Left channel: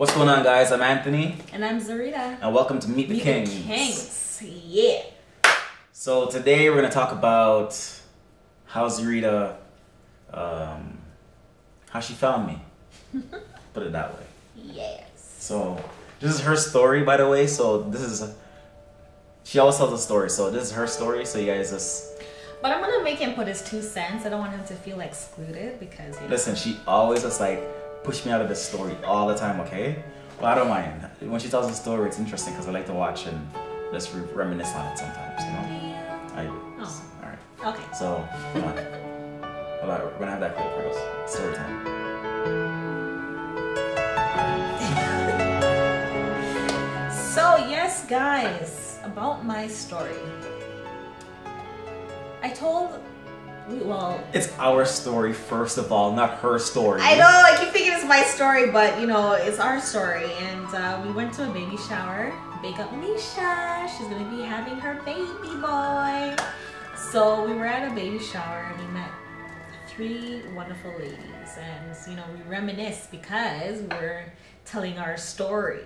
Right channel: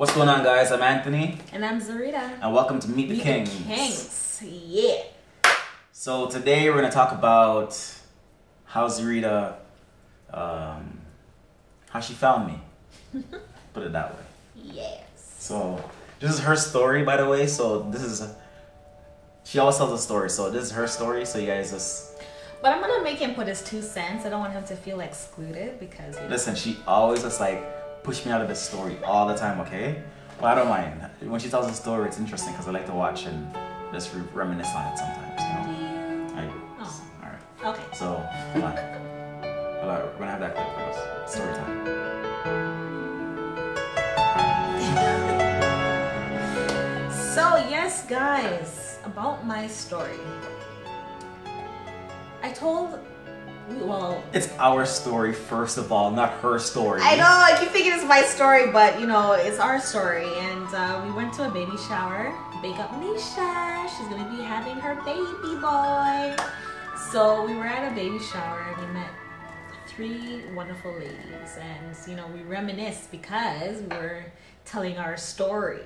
What's going on, guys? I'm Anthony. And I'm Zarita. And welcome to Meet the Kingz. Kingz. Yeah. So today we're going to talk about how Zarita, how she found me. Put it that way. Yes. So this is her story, by the way. So she always tells a story. So this is her story. So you guys just... But I'm going to make him put his 2 cents. I don't want him to feel excluded because, you know. Listen, she always just like push me out of the story all the time, okay? Well, I don't mind. When she tells a story, it's interesting because I like to watch and just reminisce on it sometimes, you know? Do you? I do. Oh. All right. Okay. So, hold on. Hold on. We're going to have that clip for us. Story time. So, yes, guys, about my story. It's our story, first of all, not her story. I know, I keep thinking it's my story, but you know, it's our story. And we went to a baby shower. Big up Nisha, she's gonna be having her baby boy. So we were at a baby shower and we met 3 wonderful ladies. And you know, we reminisced because we were telling our story.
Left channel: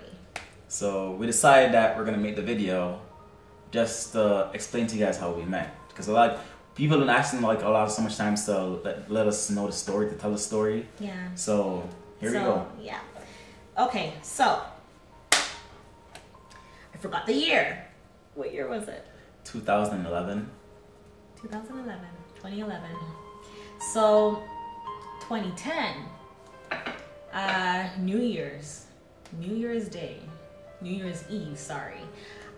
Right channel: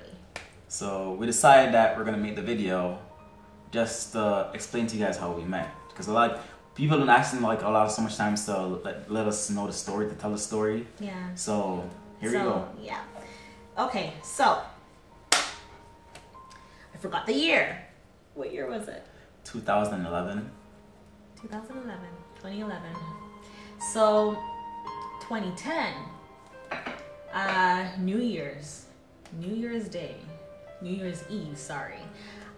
So we decided that we're gonna make the video just to explain to you guys how we met. Because a lot of people don't ask them so much times to let us know the story, to tell the story. Yeah. So here we go. Yeah. Okay, so I forgot the year. What year was it? 2011. 2011. So 2010, New Year's Eve, sorry.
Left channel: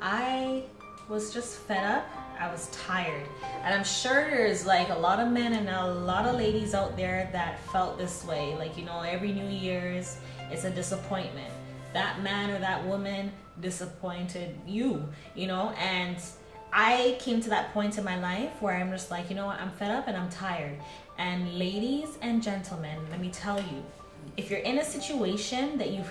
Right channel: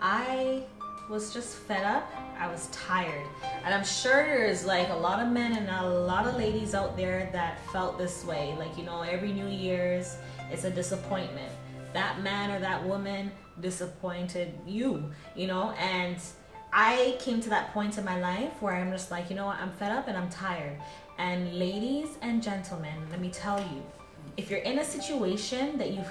I was just fed up. I was tired. And I'm sure there's like a lot of men and a lot of ladies out there that felt this way. Like, you know, every New Year's, it's a disappointment. That man or that woman disappointed you, you know? And I came to that point in my life where I'm just like, you know what, I'm fed up and I'm tired. And ladies and gentlemen, let me tell you, if you're in a situation that you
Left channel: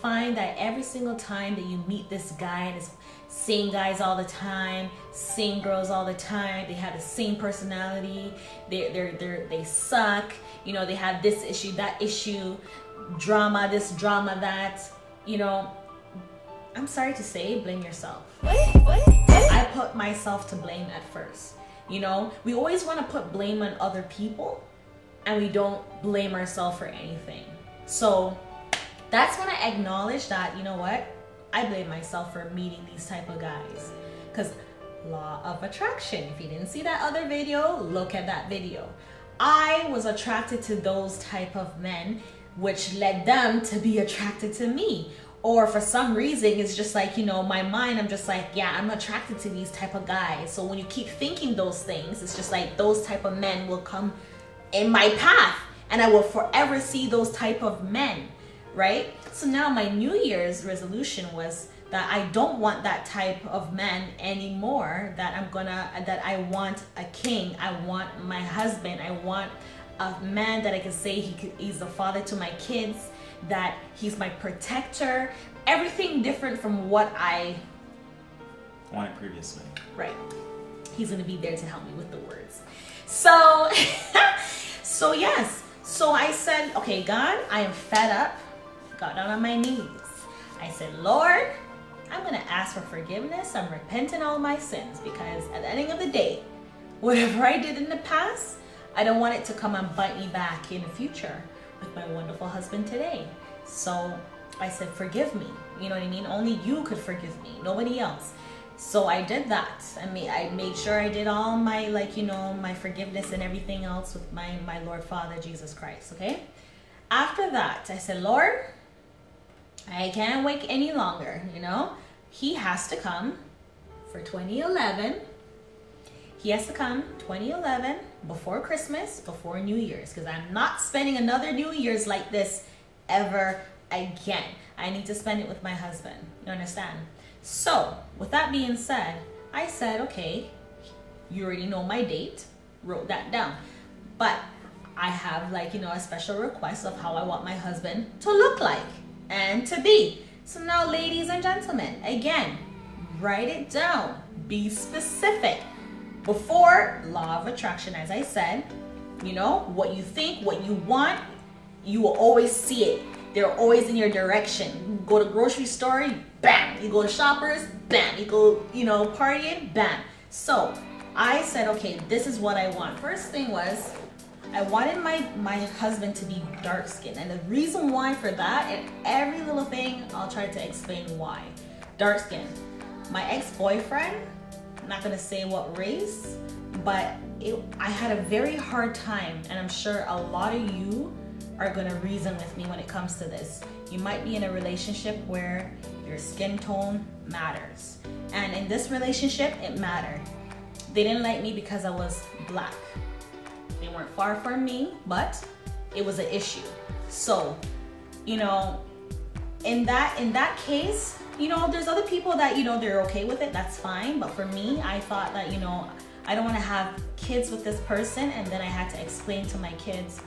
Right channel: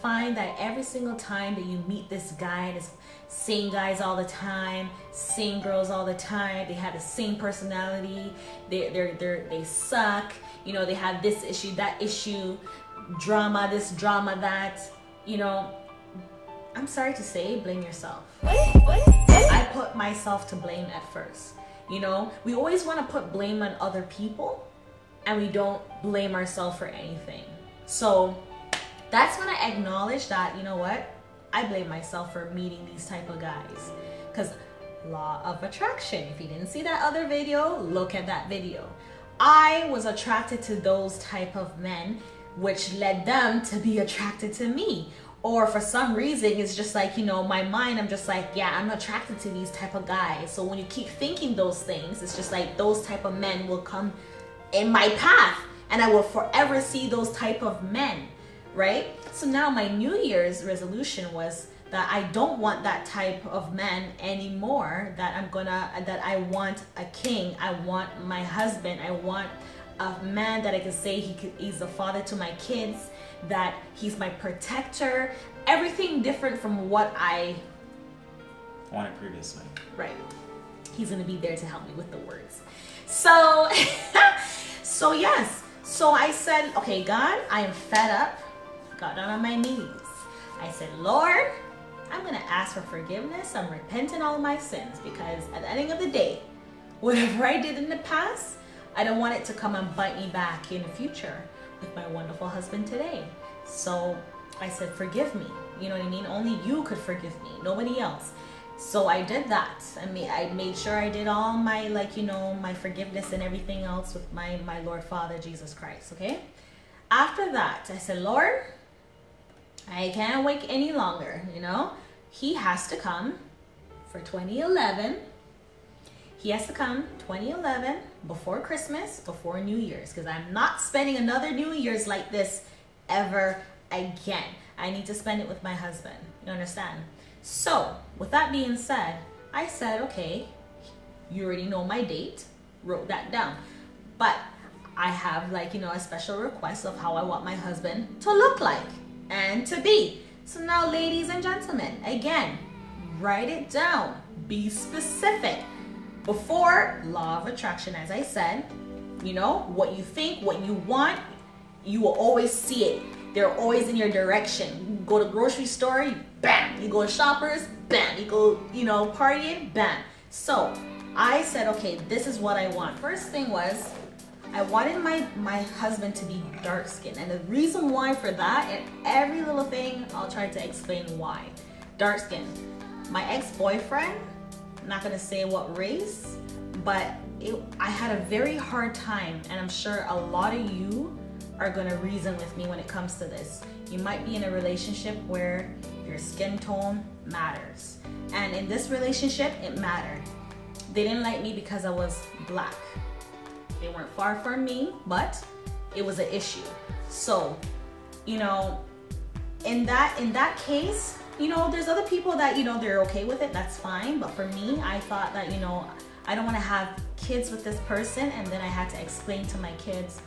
find that every single time that you meet this guy, and it's same guys all the time, same girls all the time, they have the same personality, they suck, you know, they have this issue, that issue, drama, this drama, that, you know, I'm sorry to say, blame yourself. I put myself to blame at first. You know, we always want to put blame on other people and we don't blame ourselves for anything. So that's when I acknowledge that, you know what, I blame myself for meeting these type of guys. Because law of attraction, if you didn't see that other video, look at that video. I was attracted to those type of men, which led them to be attracted to me. Or for some reason, it's just like, you know, my mind, I'm just like, yeah, I'm attracted to these type of guys. So when you keep thinking those things, it's just like those type of men will come in my path and I will forever see those type of men, right? So now my New Year's resolution was that I don't want that type of man anymore, that I want a king, I want my husband, I want a man that I can say he's the father to my kids, that he's my protector, everything different from what I wanted previously. Right. He's gonna be there to help me with the words. So, so yes. So I said, okay, God, I am fed up. Got down on my knees. I said, Lord, I'm gonna ask for forgiveness. I'm repenting all my sins because at the ending of the day, whatever I did in the past, I don't want it to come and bite me back in the future with my wonderful husband today. So I said, forgive me. You know what I mean? Only you could forgive me, nobody else. So I did that. I made sure I did all my, like, you know, my forgiveness and everything else with my Lord Father, Jesus Christ, okay? After that, I said, Lord, I can't wait any longer, you know? He has to come for 2011. He has to come 2011 before Christmas, before New Year's, because I'm not spending another New Year's like this ever again. I need to spend it with my husband. You understand? So with that being said, I said, okay, you already know my date, wrote that down. But I have, like, you know, a special request of how I want my husband to look like and to be. So now, ladies and gentlemen, again, write it down. Be specific. Before, law of attraction, as I said, you know, what you think, what you want, you will always see it. They're always in your direction. You go to grocery store, bam. You go to Shoppers, bam. You go, partying, bam. So I said, okay, this is what I want. First thing was, I wanted my husband to be dark skinned. And the reason why for that, and every little thing, I'll try to explain why. Dark skin. My ex-boyfriend, I'm not gonna say what race, but I had a very hard time, and I'm sure a lot of you are gonna reason with me when it comes to this. You might be in a relationship where your skin tone matters. And in this relationship, it mattered. They didn't like me because I was black. They weren't far from me, but it was an issue. So, in that case, there's other people that, they're okay with it, that's fine. But for me, I thought that, I don't want to have kids with this person, and then I had to explain to my kids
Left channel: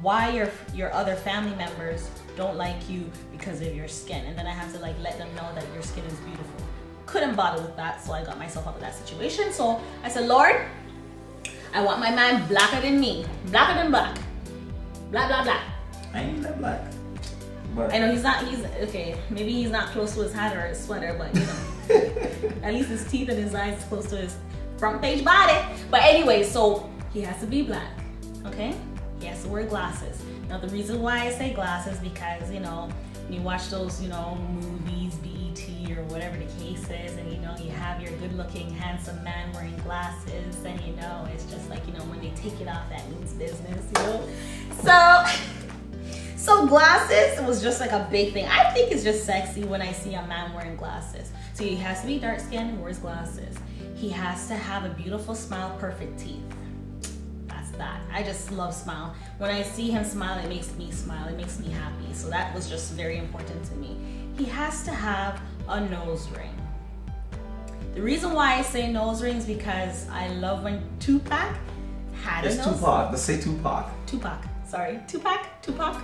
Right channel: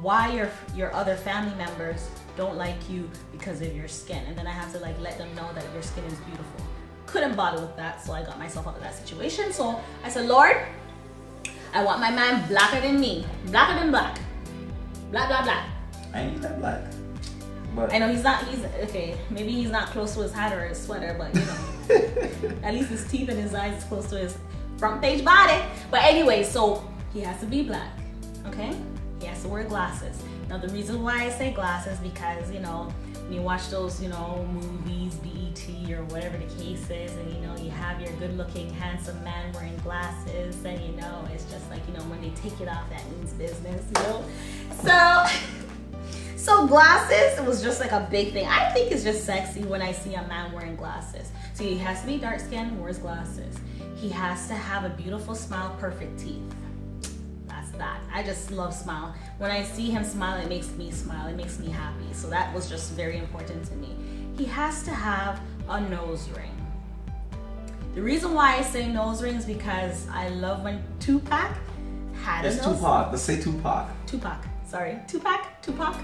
why your other family members don't like you because of your skin. And then I have to let them know that your skin is beautiful. Couldn't bother with that, so I got myself out of that situation. So I said, Lord, I want my man blacker than me, blacker than black, blah, blah, blah. I ain't that black. But I know he's okay, maybe he's not close to his hat or his sweater, but at least his teeth and his eyes is close to his front page body. But anyway, so he has to be black, okay? He has to wear glasses. Now the reason why I say glasses, because when you watch those movies, BET or whatever the case is, and you have your good looking handsome man wearing glasses, and it's just when they take it off, that means business, so glasses was just a big thing. I think it's just sexy when I see a man wearing glasses. So he has to be dark skinned, wears glasses. He has to have a beautiful smile, perfect teeth. That I just love smile. When I see him smile, it makes me smile, it makes me happy. So that was just very important to me. He has to have a nose ring. The reason why I say nose ring is because I love when Tupac had a nose ring. Tupac, let's say Tupac. Tupac.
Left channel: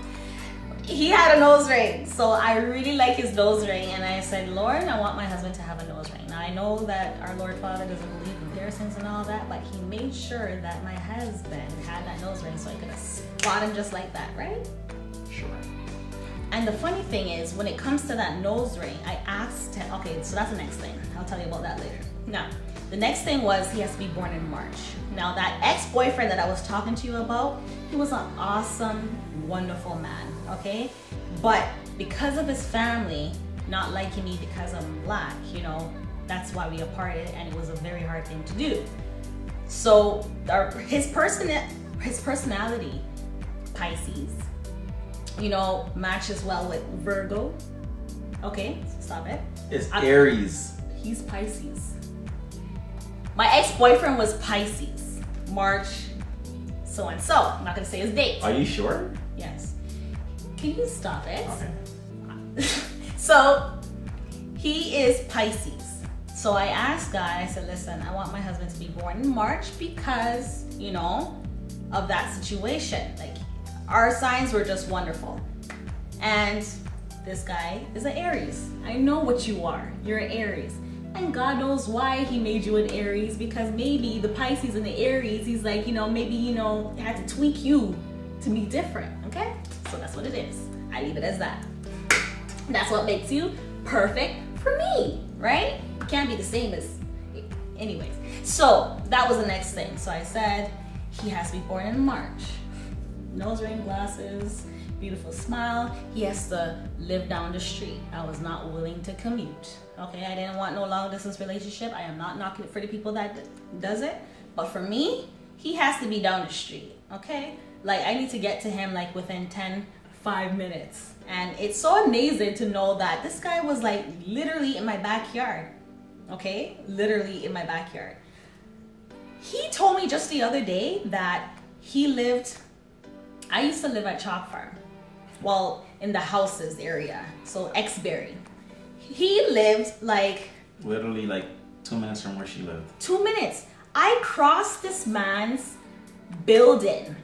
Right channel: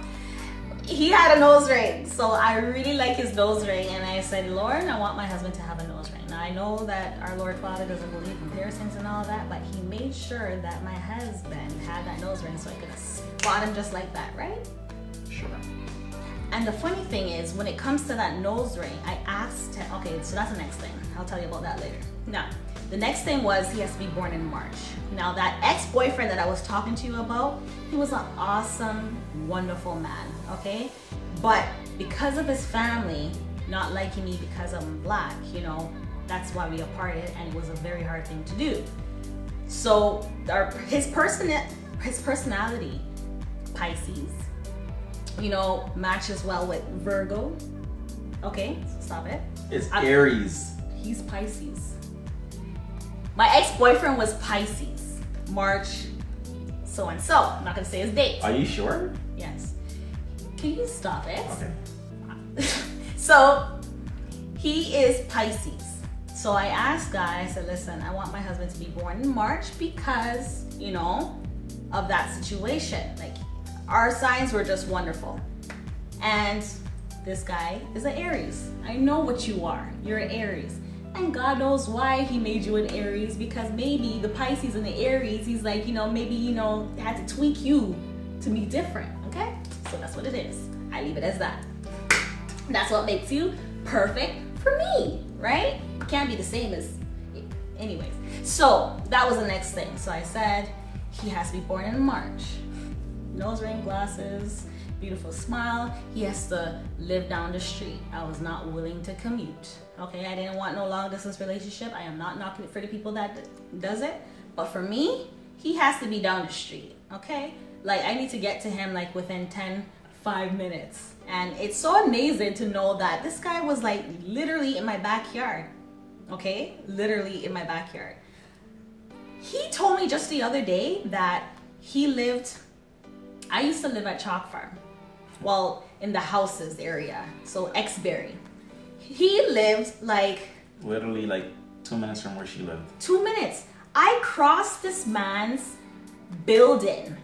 He had a nose ring, so I really like his nose ring, and I said, Lord, I want my husband to have a nose ring. Now I know that our Lord Father doesn't believe in piercings and all that, but he made sure that my husband had that nose ring so I could spot him just like that, right? Sure. And the funny thing is, when it comes to that nose ring, I asked him, okay, so that's the next thing. I'll tell you about that later. Now, the next thing was he has to be born in March. Now that ex-boyfriend that I was talking to you about, he was an awesome, wonderful man, okay? But because of his family not liking me because I'm black, that's why we parted, and it was a very hard thing to do. So his personality, Pisces, matches well with Virgo. Okay, stop it. It's Aries. He's Pisces. My ex-boyfriend was Pisces, March so-and-so. I'm not gonna say his date. Are you sure? Yes. Can you stop it? Okay. So, he is Pisces. So I asked God, I said, listen, I want my husband to be born in March because, of that situation. Our signs were just wonderful. And this guy is an Aries. I know what you are. You're an Aries. And God knows why he made you an Aries, because maybe the Pisces and the Aries, he's maybe, had to tweak you to be different, okay? So that's what it is. I leave it as that. That's what makes you perfect for me, right? It can't be the same as, anyways. So that was the next thing. So I said, he has to be born in March. Nose ring, glasses, beautiful smile. He has to live down the street. I was not willing to commute. Okay, I didn't want no long distance relationship. I am not knocking it for the people that does it. But for me, he has to be down the street, okay? I need to get to him within 5 minutes. And it's so amazing to know that this guy was literally in my backyard, okay? Literally in my backyard. He told me just the other day that I used to live at Chalk Farm. Well, in the houses area, so Exbury. He lived literally 2 minutes from where she lived. 2 minutes. I crossed this man's building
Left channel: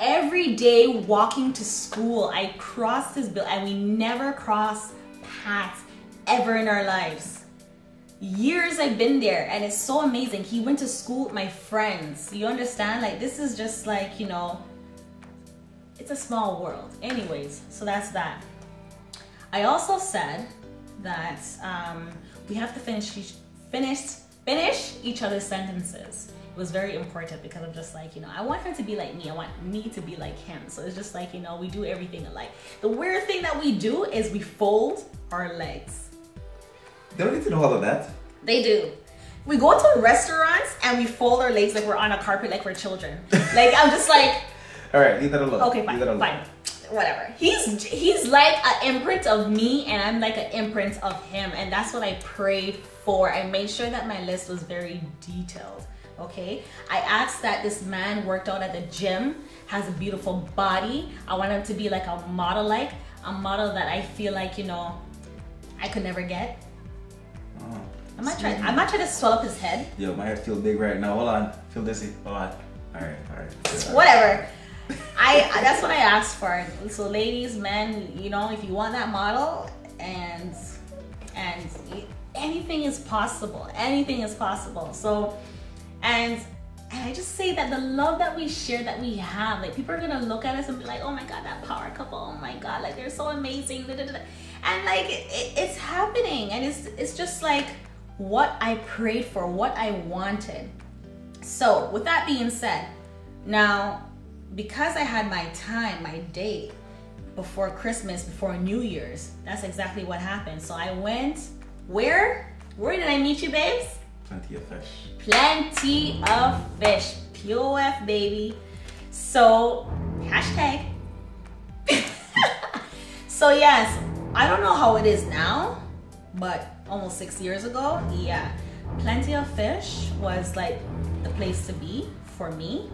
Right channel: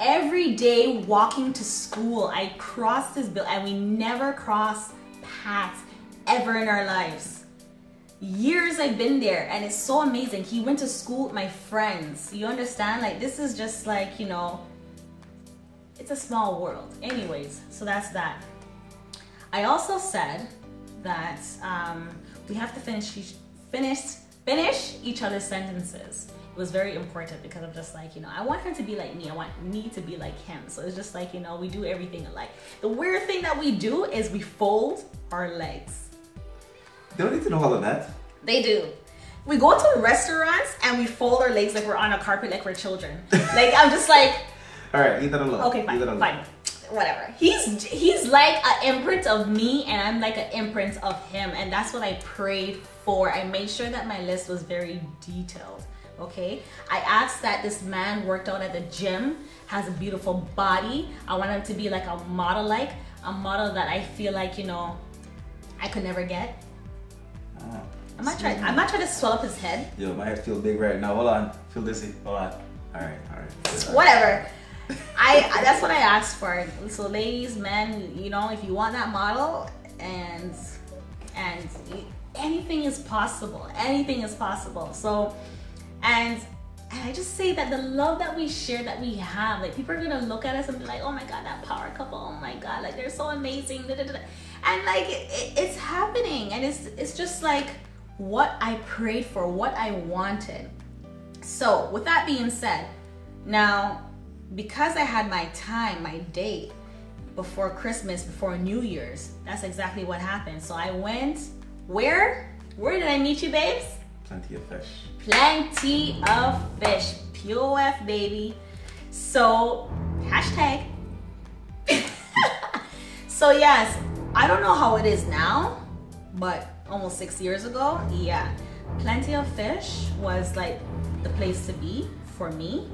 every day walking to school. I crossed his building, and we never crossed paths ever in our lives. Years I've been there, and it's so amazing. He went to school with my friends. You understand? This is just it's a small world. Anyways, so that's that. I also said that we have to finish each other's sentences. It was very important because I'm just like, you know, I want her to be like me. I want me to be like him. So it's just like, you know, we do everything alike. The weird thing that we do is we fold our legs. They don't need to know all of that. They do. We go to restaurants and we fold our legs like we're on a carpet, like we're children. Like, I'm just like... All right, leave that alone. Okay, fine, fine. Whatever. He's like an imprint of me and I'm like an imprint of him. And that's what I prayed for. I made sure that my list was very detailed. Okay, I asked that this man worked out at the gym, has a beautiful body. I want him to be like a model that I feel like, you know, I could never get. Oh, I'm not trying to swell up his head. Yo, my head feels big right now. Hold on, feel dizzy. Hold on. All right. Whatever. That's what I asked for. So ladies, men, you know, if you want that model, and anything is possible. Anything is possible. So. And I just say that the love that we share, that we have, like people are gonna look at us and be like, oh my God, that power couple, oh my God, like they're so amazing, and like it's happening, and it's just like what I prayed for, what I wanted. So with that being said, now because I had my time, my date before Christmas, before New Year's, that's exactly what happened. So I went, where did I meet you, babes? Plenty of fish. Plenty of fish. POF, baby. So, hashtag. So yes, I don't know how it is now, but almost 6 years ago, yeah. Plenty of Fish was like the place to be for me,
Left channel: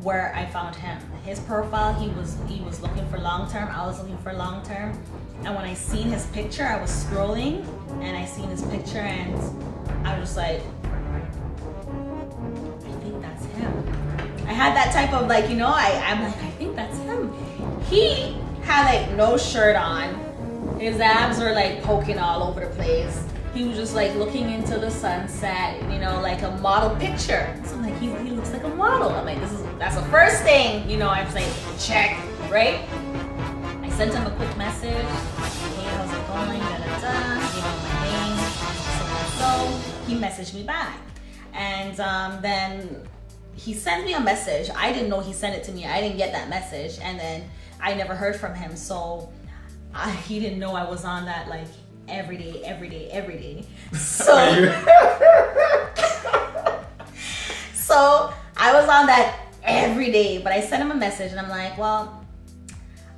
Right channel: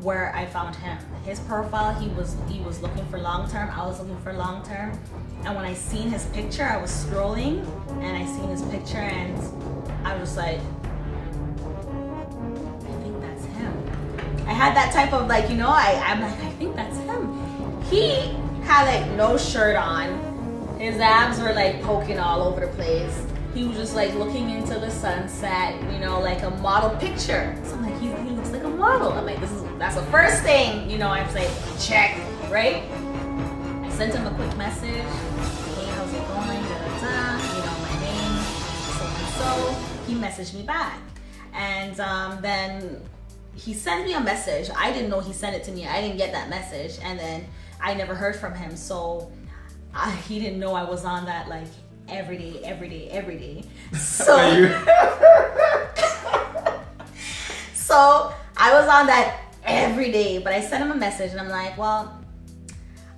where I found him. His profile, he was looking for long-term, I was looking for long-term. And when I seen his picture, I was scrolling and I seen his picture and I was like, I think that's him. I had that type of like, you know, I'm like, I think that's him. He had like no shirt on. His abs were like poking all over the place. He was just like looking into the sunset, you know, like a model picture. So I'm like, he looks like a model. I'm like, that's the first thing, you know, I was like, check, right? I sent him a quick message. Hey, how's it going? You know, my name, so he messaged me back. And then he sent me a message. I didn't know he sent it to me. I didn't get that message. And then I never heard from him. So he didn't know I was on that like every day. So, so I was on that every day, but I sent him a message and I'm like, well,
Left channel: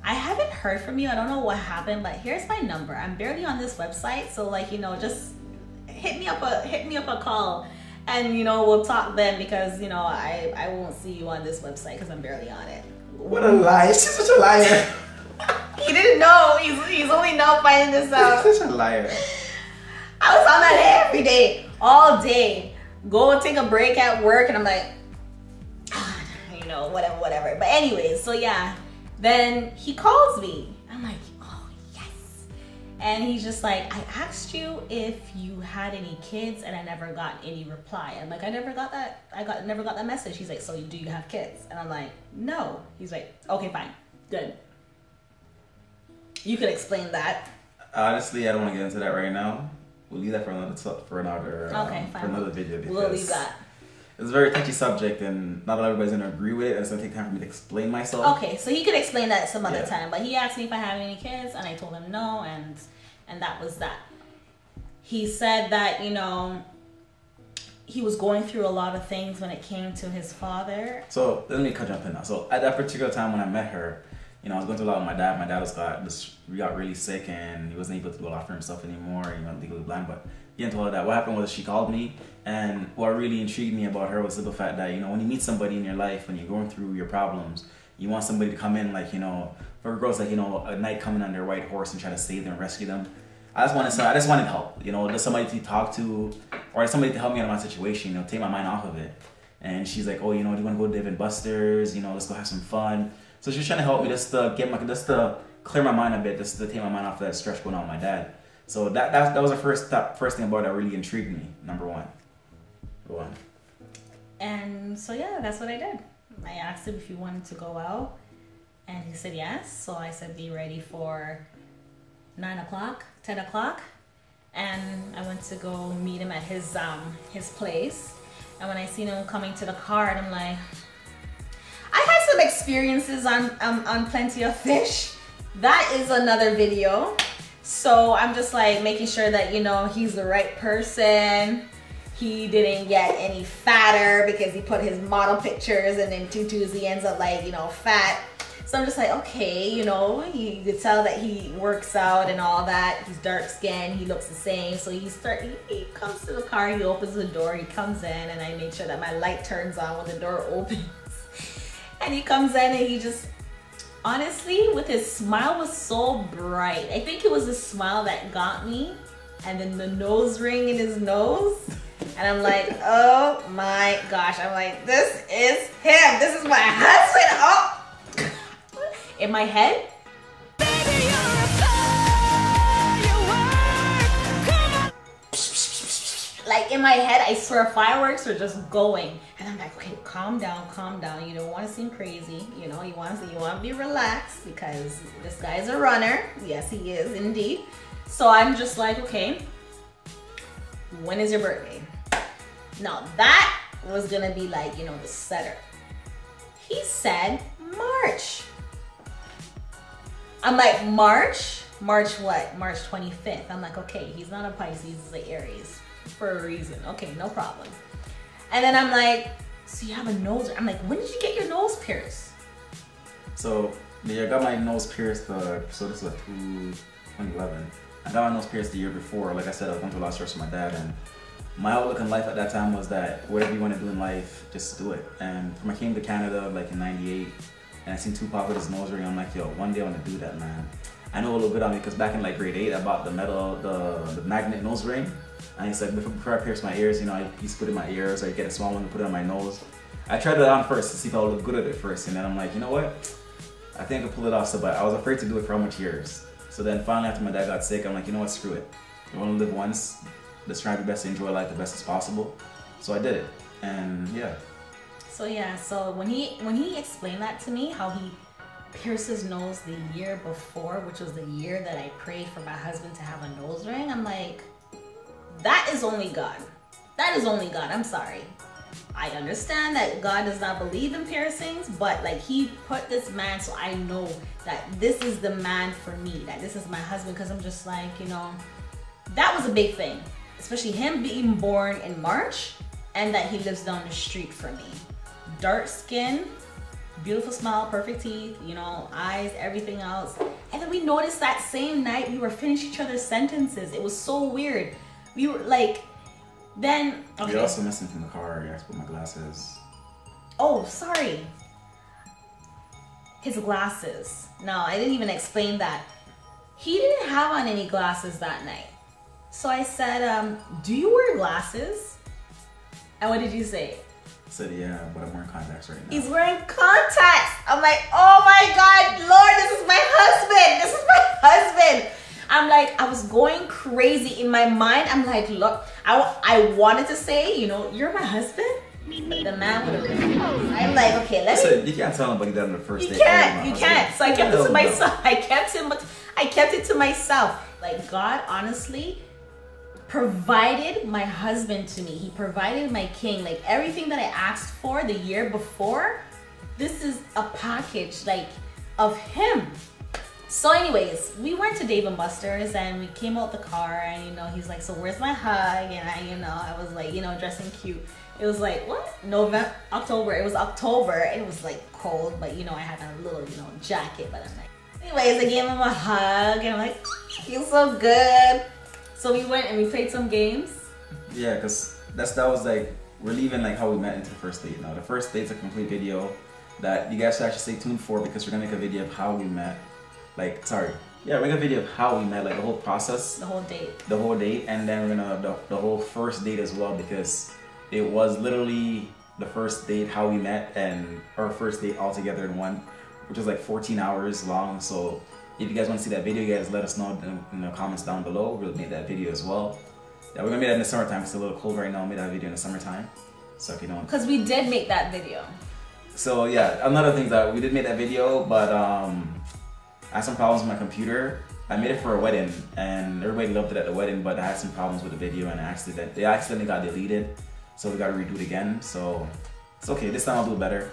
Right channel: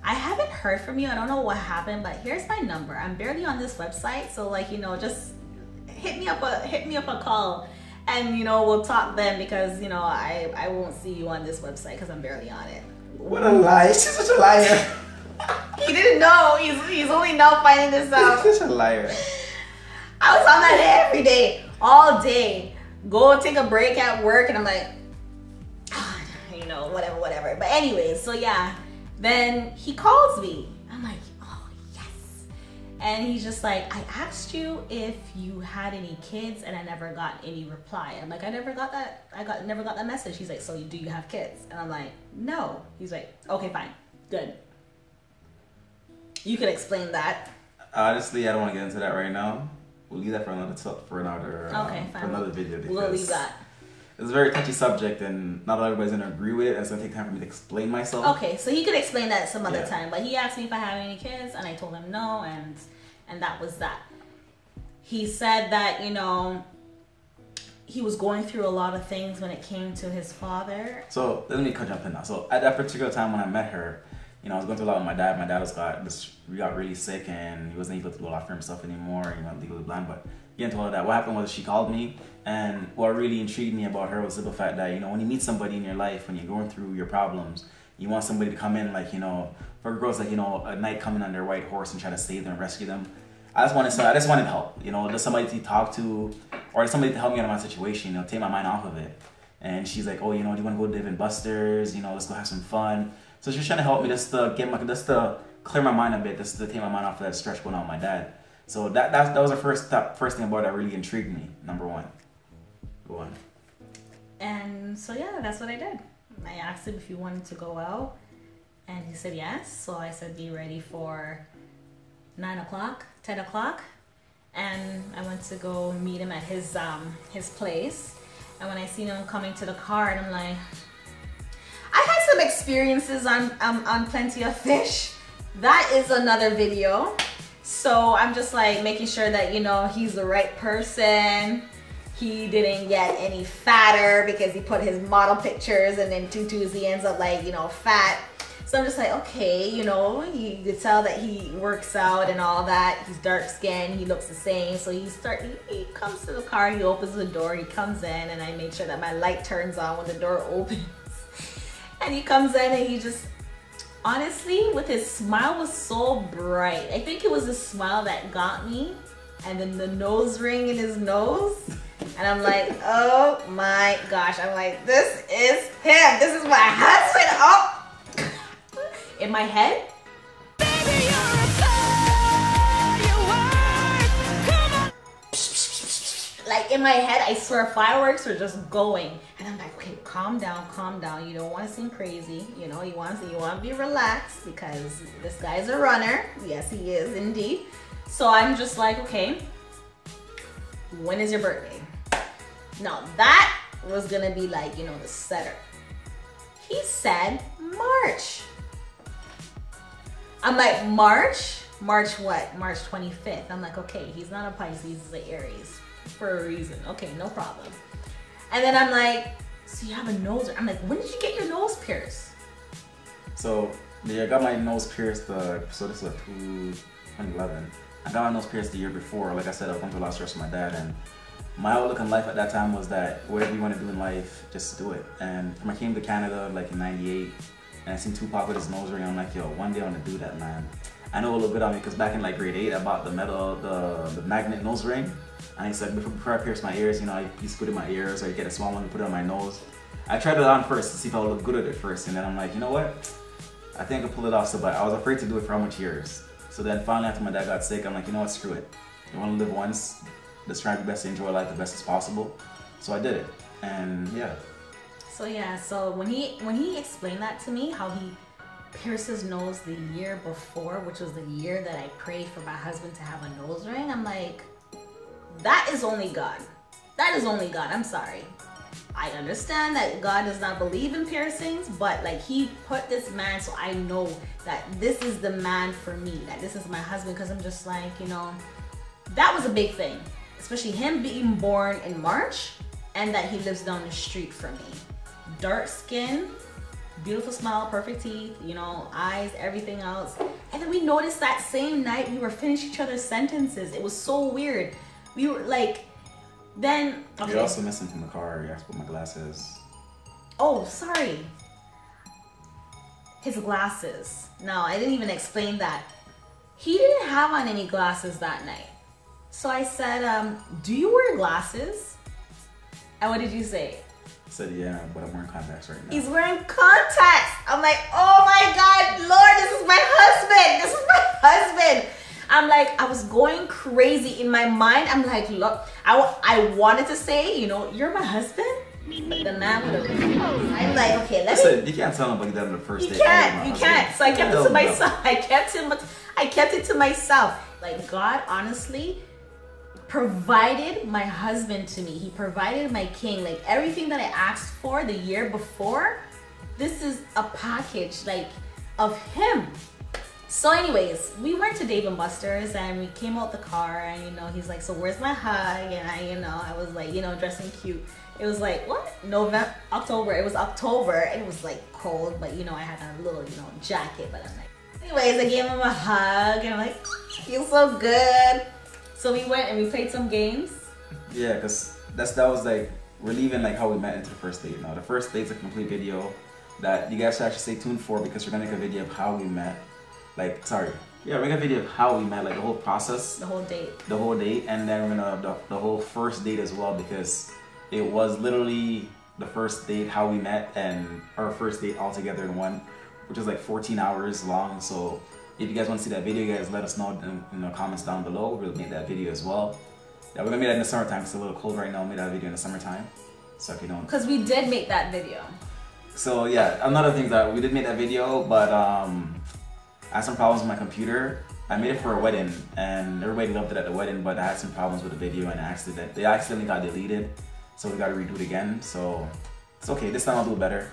I haven't heard from you. I don't know what happened, but here's my number. I'm barely on this website. So like, you know, just hit me up a call and, you know, we'll talk then because, you know, I won't see you on this website because I'm barely on it. What a lie. She's such a liar. He didn't know. He's only now finding this out. She's such a liar. I was on that every day, all day. Go take a break at work and I'm like, you know, whatever. But anyways, so yeah. Then he calls me. I'm like, oh yes. And he's just like, I asked you if you had any kids and I never got any reply. I'm like, I never got that. Never got that message. He's like, so do you have kids? And I'm like, no. He's like, okay, fine, good. You could explain that. Honestly, I don't want to get into that right now. We'll leave that for another video. We'll leave that. It's a very touchy subject, and not everybody's gonna agree with it. And it's gonna take time for me to explain myself. Okay, so he could explain that some other time. But he asked me if I have any kids, and I told him no, and that was that. He said that, you know, he was going through a lot of things when it came to his father. So let me jump in now. So at that particular time when I met her, you know, I was going through a lot with my dad. My dad got really sick and he wasn't able to do a lot for himself anymore. He went legally blind, but get into all of that. What happened was she called me, and what really intrigued me about her was the fact that, you know, when you meet somebody in your life, when you're going through your problems, you want somebody to come in, like, you know, for girls, like, you know, a knight coming on their white horse and try to save them, rescue them. I just wanted help, you know, just somebody to talk to, or somebody to help me out of my situation, you know, take my mind off of it. And she's like, oh, you know, do you want to go live in Buster's? You know, let's go have some fun. So she's trying to help me just to clear my mind a bit, just to take my mind off that stress going on with my dad. So that was the first thing about it that really intrigued me. Number one. Go on. And so yeah, that's what I did. I asked him if he wanted to go out, and he said yes. So I said, be ready for 9 o'clock, 10 o'clock. And I went to go meet him at his place. And when I seen him coming to the car, and I'm like, I had some experiences on Plenty of Fish. That is another video. So I'm just like making sure that, you know, he's the right person. He didn't get any fatter because he put his model pictures and then tutus, he ends up like, you know, fat. So I'm just like, okay, you know, you could tell that he works out and all that. He's dark skinned, he looks the same. So he comes to the car, he opens the door, he comes in, and I make sure that my light turns on when the door opens. And he comes in and he just, honestly, with his smile was so bright. I think it was the smile that got me, and then the nose ring in his nose. And I'm like, oh my gosh. I'm like, this is him. This is my husband. Oh. In my head. Baby, you're a firework. Come on. Like in my head, I swear fireworks were just going. And I'm like, okay, calm down, calm down. You don't want to seem crazy. You know, you want to be relaxed because this guy's a runner. Yes, he is indeed. So I'm just like, okay, when is your birthday? Now that was gonna be like, you know, the setter. He said March. I'm like, March? March what? March 25th. I'm like, okay, he's not a Pisces, he's an Aries for a reason. Okay, no problem. And then I'm like, so you have a nose? I'm like, when did you get your nose pierced? So yeah, I got my nose pierced, so this was 2011. I got my nose pierced the year before. Like I said, I was going to a lot of stress with my dad, and my outlook in life at that time was that whatever you want to do in life, just do it. And when I came to Canada like in '98, and I seen Tupac with his nose ring, I'm like, yo, one day I want to do that, man. I know a little bit on me because back in like grade 8, I bought the metal, the magnet nose ring. And he said before I pierced my ears, you know, I used to put it in my ears, or you get a small one and put it on my nose. I tried it on first to see if I would look good at it first, and then I'm like, you know what? I think I could pull it off. So, but I was afraid to do it for how much years. So then finally after my dad got sick, I'm like, you know what, screw it. You want to live once, let's try to best to enjoy life the best as possible. So I did it, and yeah. So yeah, so when he explained that to me, how he pierced his nose the year before, which was the year that I prayed for my husband to have a nose ring, I'm like, that is only God. That is only God, I'm sorry. I understand that God does not believe in piercings, but like he put this man so I know that this is the man for me, that this is my husband, because I'm just like, you know, that was a big thing. Especially him being born in March and that he lives down the street from me. Dark skin, beautiful smile, perfect teeth, you know, eyes, everything else. And then we noticed that same night we were finishing each other's sentences. It was so weird. We were like, then, okay. You're also missing from the car. You have to put my glasses. Oh, sorry. His glasses. No, I didn't even explain that. He didn't have on any glasses that night. So I said, do you wear glasses? And what did you say? I said, yeah, but I'm wearing contacts right now. He's wearing contacts. I'm like, oh my God, Lord, this is my husband. This is my husband. I'm like, I was going crazy in my mind. I'm like, look, I wanted to say, you know, you're my husband. But the man would have. I'm like, okay, Listen, you can't tell nobody that on the first date. You can't. So I kept it to myself. I kept it to myself. Like, God, honestly, provided my husband to me. He provided my king. Like, everything that I asked for the year before, this is a package, like, of him. So anyways, we went to Dave & Buster's and we came out the car and, you know, he's like, so where's my hug? And I was like, you know, dressing cute. It was like, what? October. It was October and it was like cold, but you know, I had a little, you know, jacket, but I'm like, anyways, I gave him a hug and I'm like, feels so good. So we went and we played some games. Yeah, because that was like, we're leaving like how we met into the first date. Now, the first date's a complete video that you guys should actually stay tuned for because we're gonna make a video of how we met. Like, sorry. Yeah, we're gonna make a video of how we met, like the whole process. The whole date. The whole date, and then we're gonna, the whole first date as well because it was literally the first date, how we met, and our first date all together in one, which is like 14 hours long. So if you guys want to see that video, you guys let us know in the comments down below. We'll make that video as well. Yeah, we're gonna make that in the summertime. It's a little cold right now. We'll make that video in the summertime. So if you don't. Because we did make that video. So yeah, another thing that we did make that video, but I had some problems with my computer, I made it for a wedding, and everybody loved it at the wedding, but I had some problems with the video, and they accidentally got deleted, so we got to redo it again. So it's okay. This time I'll do better.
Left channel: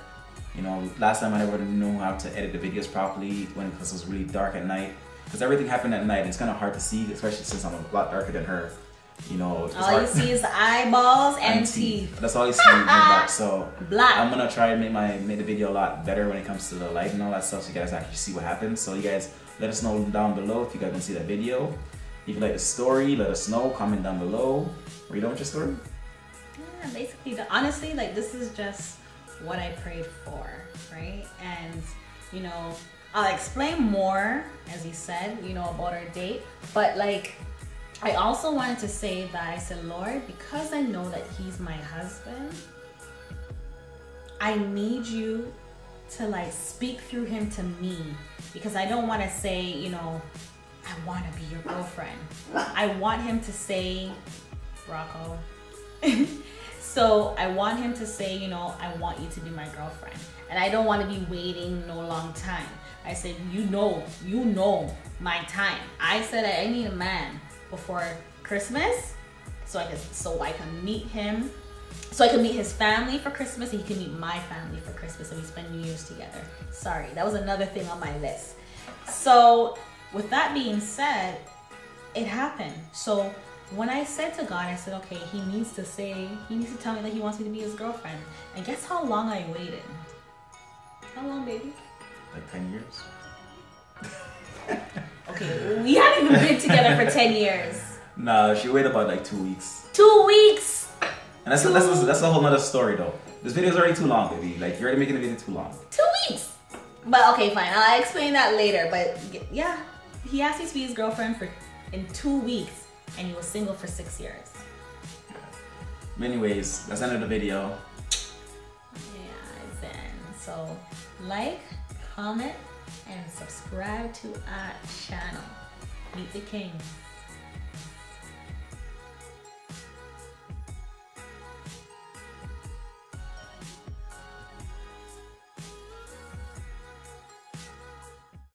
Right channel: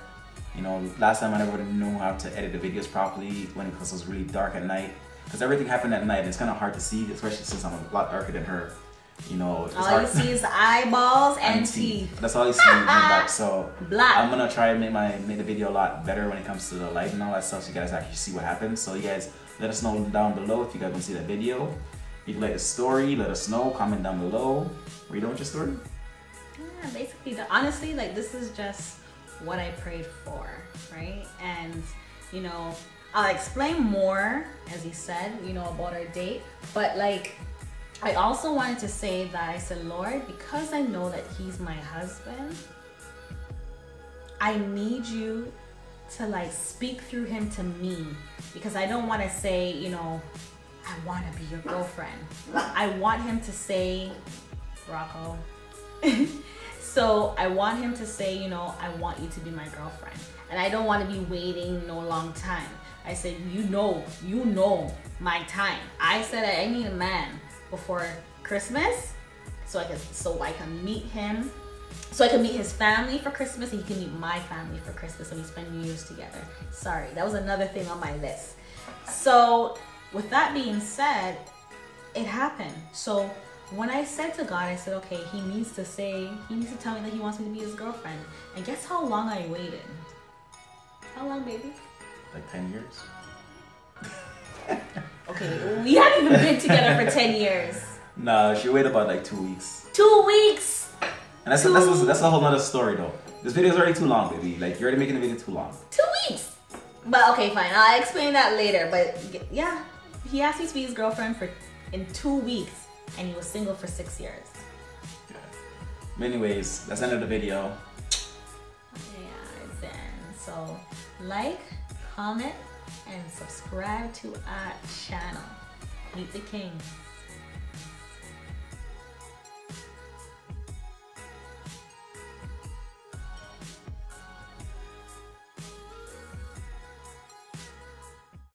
You know, last time I never knew how to edit the videos properly because it was really dark at night. Because everything happened at night, and it's kind of hard to see, especially since I'm a lot darker than her. You know, all you see is eyeballs and teeth. That's all you see in the back. So black. I'm gonna try and make the video a lot better when it comes to the light and all that stuff, so you guys actually see what happens. So you guys let us know down below if you guys want to see that video. If you like the story, let us know. Comment down below. Are you done with your story? Yeah, basically, honestly, like this is just what I prayed for, right? And you know, I'll explain more as you said, you know, about our date, but like. I also wanted to say that I said, Lord, because I know that he's my husband, I need you to like speak through him to me, because I don't want to say, you know, I want to be your girlfriend. I want him to say, Rocco. So I want him to say, you know, I want you to be my girlfriend. And I don't want to be waiting no long time. I said, you know my time. I said I need a man before Christmas, so I can meet him, so I can meet his family for Christmas, and he can meet my family for Christmas, and we spend New Year's together. Sorry, that was another thing on my list. So with that being said, it happened. So when I said to God, I said, okay, he needs to tell me that he wants me to be his girlfriend. And guess how long I waited? How long, baby? Like 10 years. Okay, we haven't even been together for 10 years. No, she waited about like 2 weeks. 2 weeks! And that's a whole nother story though. This video is already too long, baby. Like, you're already making the video too long. 2 weeks! But okay, fine. I'll explain that later. But yeah, he asked me to be his girlfriend in 2 weeks, and he was single for 6 years. Anyways, that's the end of the video. Yeah, then. So, like, comment, and subscribe to our channel. Meet the Kingz.